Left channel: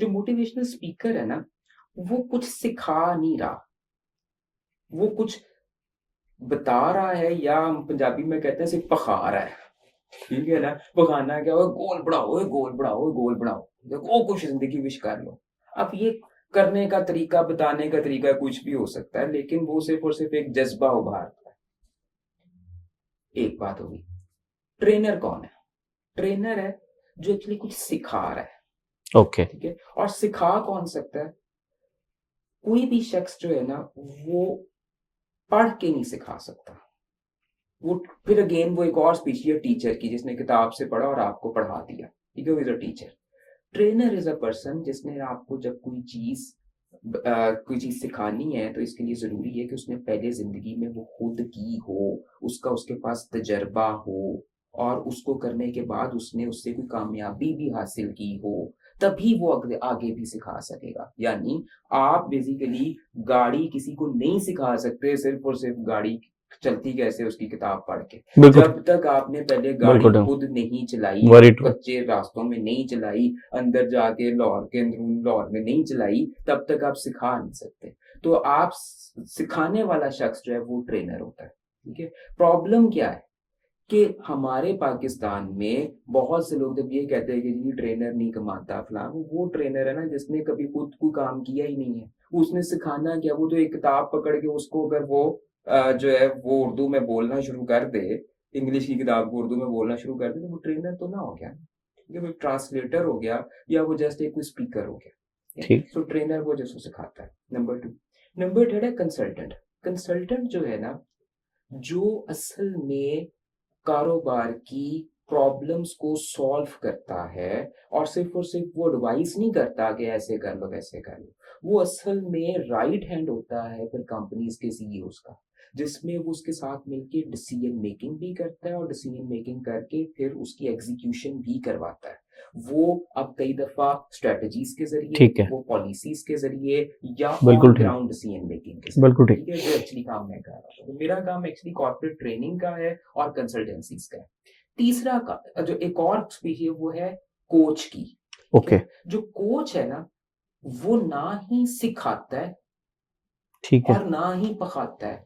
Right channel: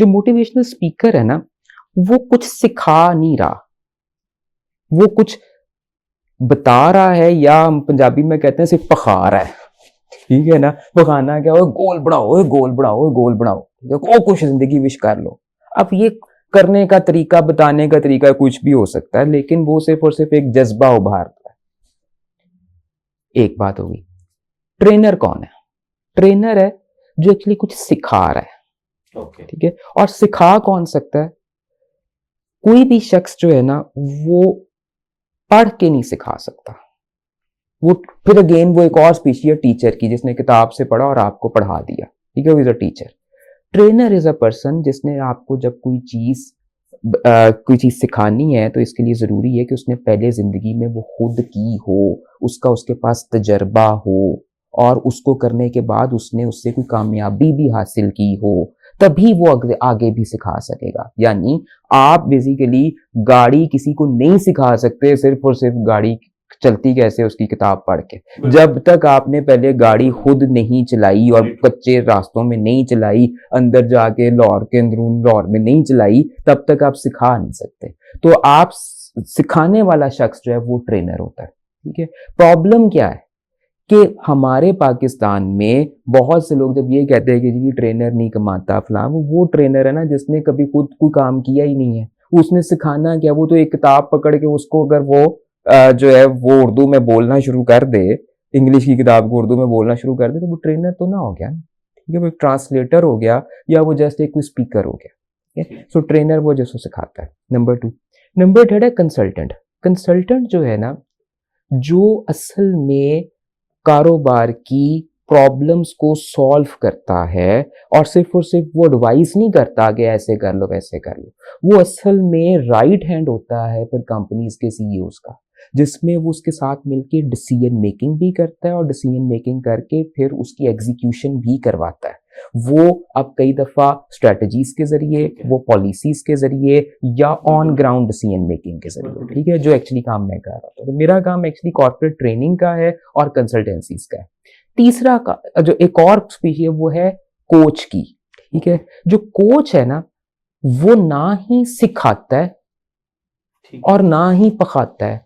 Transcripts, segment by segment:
जो motivational speaker है ना, वो कुछ सिखा नहीं रहा, वो कुछ बता रहा है, या हम पंजाबी में कहते हैं सिर्फ पखा रहा है। ठीक है ना, पखाना क्या हो, गोल बढ़ाओ, गोल बढ़ाओ, गोल बढ़ाओ, देखो कुछ जिंदगी विश कर लो। अब ये करने का तरीका, बताने का तरीका कुछ भी हो सकता है, लेकिन वो सिर्फ और सिर्फ एक जज्बा उभारता है। एक बात होगी, ट्रेनर कौन है? ट्रेनर है जो एक्चुअली कुछ सिखा रहा है। ओके, ठीक है, और सिखा कौन सकता है? कोई भी शख्स जो है ना, वो पढ़ के नहीं सिखा सकता। वो फिर अगेन वो एक और स्पीशी है टीचर की, जिसने किताब से पढ़ा और आपको पढ़ा दिया। ठीक है, वो is a teacher. Trainer is a person जिसने आपको जब कोई चीज सिखानी है, तो इसके लिए जरूरी है कि उसने पहले जिंदगी में वो खुद की हो, उसका उसके पास तजर्बा हो, और उसको करने के बाद उसने उससे कोई कामयाबी भी हासिल की हो, तभी वो अगले आगे भी सिखा सकेगा। यानी आप बेसिकली गाड़ी किसी को नहीं सिखा सकते सिर्फ और सिर्फ गाड़ी चलती कैसे उसकी किताब पढ़ के। जब तक आपने पहले गाड़ी खुद नहीं चलाई और कच्चे रास्तों में नहीं चलाई, अंदर जाके लाहौर के अंदरून लाहौर में नहीं चलाई, तब तक आप सिखा नहीं सकते। तो आप सिखाने वाला शख्स जो है वो ट्रेनर होता है। ठीक है, प्रॉब्लम क्या है कि हमारे पाकिस्तान में बहुत से लोग जब ये कहते हैं कि जी ट्रेनर नहीं कमाता फलां, वो ट्रेनर है ना जिसने कभी खुद कोई काम किया ही नहीं है। उसने सिखाना क्या? वो तो एक किताब पकड़ के उसको अगर वो जो है वो उर्दू में बोलना शुरू कर दे, इंग्लिश की किताब को उर्दू में बोलना शुरू कर दे, तो वो ट्रेनर तो ना हो गया। ठीक है, वो एक ट्रांसलेटर हो गया, या वो जस्ट एक स्पीकर हो गया। सो ट्रेनर वो जिसको सिखाता है। नंबर 2। नंबर 3 है कंसल्टेंट। कंसल्टेंट जो है ना, जो असल में कारोबार की प्रॉब्लम्स को सॉल्व करता है, और सिर्फ वो एडवाइस नहीं करता कि ऐसे कर लो वैसे कर लो। वो असल में राइट हैंड होता है फिर कंपनीज के सीईओज का, जिसमें वो उसके साथ मिलके डिसीजन मेकिंग भी करता है, और डिसीजन मेकिंग करके फिर उसकी एग्जीक्यूशन भी करवाता है। वो अब कई दफा स्ट्रेटजीज के जरिए, वो पॉलिसीज के जरिए, या ऑन ग्राउंड डिसीजन मेकिंग के जरिए। ठीक है, जो एक्चुअली काम मैं कर रहा हूँ। तो मेरा काम एक्चुअली कॉर्पोरेट ट्रेनिंग का है और कंसल्टेंसीज का है। तीसरा का जो एक और स्पीशी है वो है कोच की। ठीक है, जो कोच है ना, वो ना ही सिखाता है, और ना ही पखाता है,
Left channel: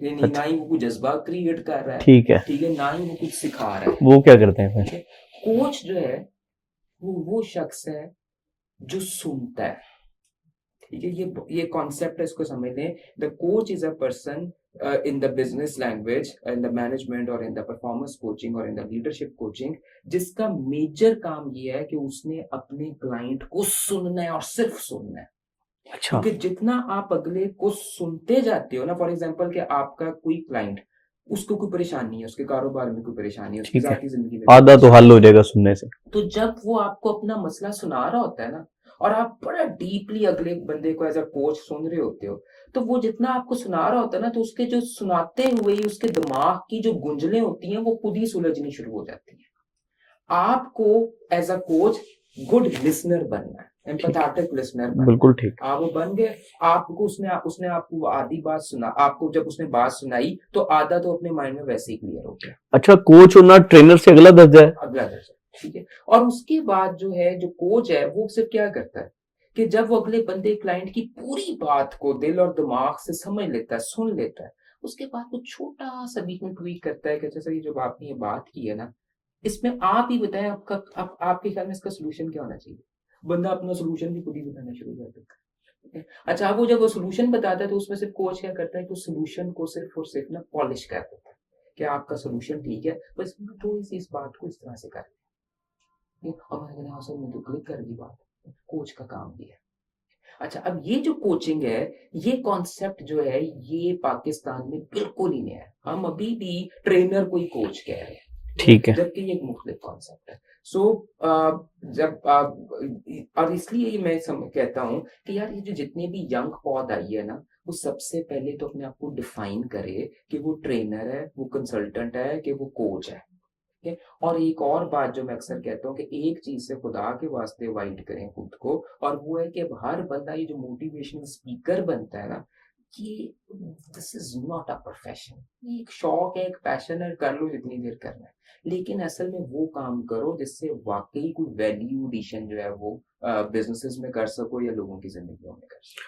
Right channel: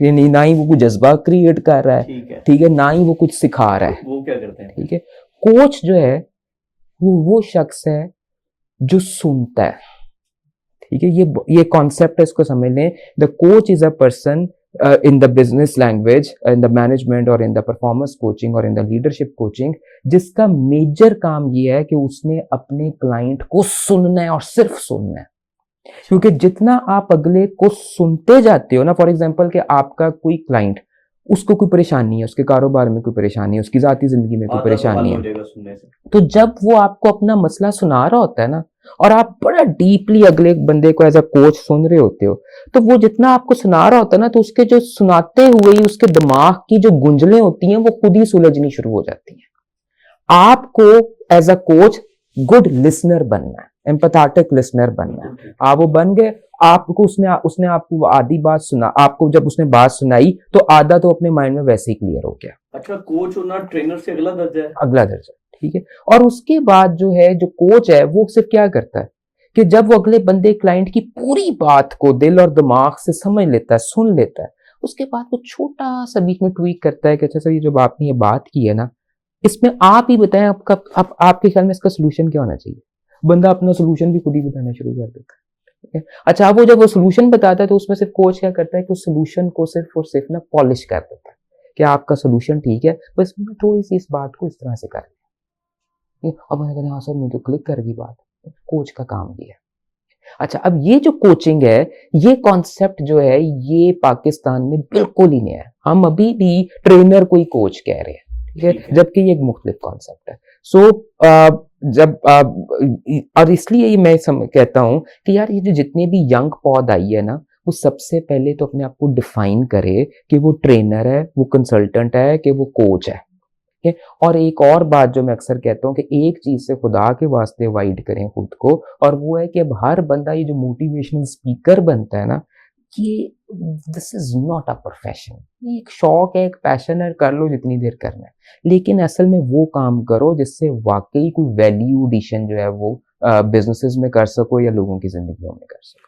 यानी ना ही वो कुछ जज्बा क्रिएट कर रहा है। ठीक है, ना ही वो कुछ सिखा रहा है। वो क्या करते हैं? ठीक है, कोच जो है वो शख्स है जो सुनता है। ठीक है, ये कॉन्सेप्ट है, इसको समझ लें। The coach is a person in the business language, in the management और in the performance coaching और in the leadership coaching, जिसका मेजर काम ये है कि उसने अपने क्लाइंट को सुनना है और सिर्फ सुनना है। क्योंकि जितना आप अगले को सुनते जाते हो ना, फॉर एग्जांपल कि आपका कोई क्लाइंट, उसको कोई परेशानी है, उसके कारोबार में कोई परेशानी है, उसकी जाती जिंदगी में आधा तो हल हो जाएगा सुनने से। तो जब वो आपको अपना मसला सुना रहा होता है ना, और आप बड़ा डीपली अगले बंदे को एज अ कोच सुन रहे होते हो, तो वो जितना आपको सुना रहा होता है ना, तो उसके जो सुनाते हुए ही उसके दिमाग की जो गुंजलें होती हैं वो खुद ही सुलझनी शुरू हो जाती हैं। आपको as a coach good listener बनना है, एम्पैथेटिक लिसनर बनना। बिल्कुल ठीक। आप वो बन गए, आपको उसने आपको आधी बात सुना, आपको जब उसने बात सुनाई तो आधा तो अपने माइंड में वैसे ही क्लियर हो गया। अच्छा, कोच होना ट्रेनर से अगला दर्जा है? अगला दर्जा। ठीक है, और उसके बाद जो है जो कोच है वो सिर्फ क्या करता है कि जब वो अगले बंदे क्लाइंट की पूरी बात को दिल और दिमाग से समझ लेता है, सुन लेता है, उसके बाद वो छोटा सा बीच में ट्वीक करता है कि अच्छा सर, ये जो आपने ये बात की है ना, इसमें आप ही बताएं आपके ख्याल में इसका सोल्यूशन क्या होना चाहिए। बंदा अपना सोल्यूशन भी खुद ही बताना शुरू कर देता है। अच्छा, वो जब वो सोल्यूशन बताता है तो उसमें सिर्फ कोच क्या करता है कि उस सोल्यूशन को सिर्फ और सिर्फ ना पॉलिश कर देता है कि आपका सोल्यूशन ठीक है, बस मैं थोड़ी सी इस बात को इस तरह से कर। अब मैंने कहा हाँ सर, मैं तो क्लिक कर गई बात। कोच का काम भी है। अच्छा, अब ये जो कोचिंग है, ये कॉन्सेप्ट जो है ये पाकिस्तान में बिल्कुल ही नया है। हम अभी भी ट्रेनर को ही कोच कह रहे हैं। ठीक है, जबकि ये एक मुख्तलिफ कॉन्सेप्ट है। सो और इसलिए ये मैं कहता हूं कि यार ये जो जितने भी यंग पौध आई है ना, वो सबसे पहले तो अपने आप को डिफाइन करे कि वो ट्रेनर है, वो कंसल्टेंट है, कि वो कोच है। और एक और बात जो मैं अक्सर कहता हूँ कि एक चीज से खुदा के वास्ते अवॉइड करें खुद को, और वो है कि अब हर बंदा ये जो मोटिवेशनल स्पीकर बनता है ना, कि this is not a profession. ये एक शौक है, एक पैशन है, कर लो जितनी देर करना है, लेकिन असल में वो काम करो जिससे वाकई कोई वैल्यू एडिशन जो है वो बिजनेसेस में कर सको या लोगों की जिंदगियों में कर सको।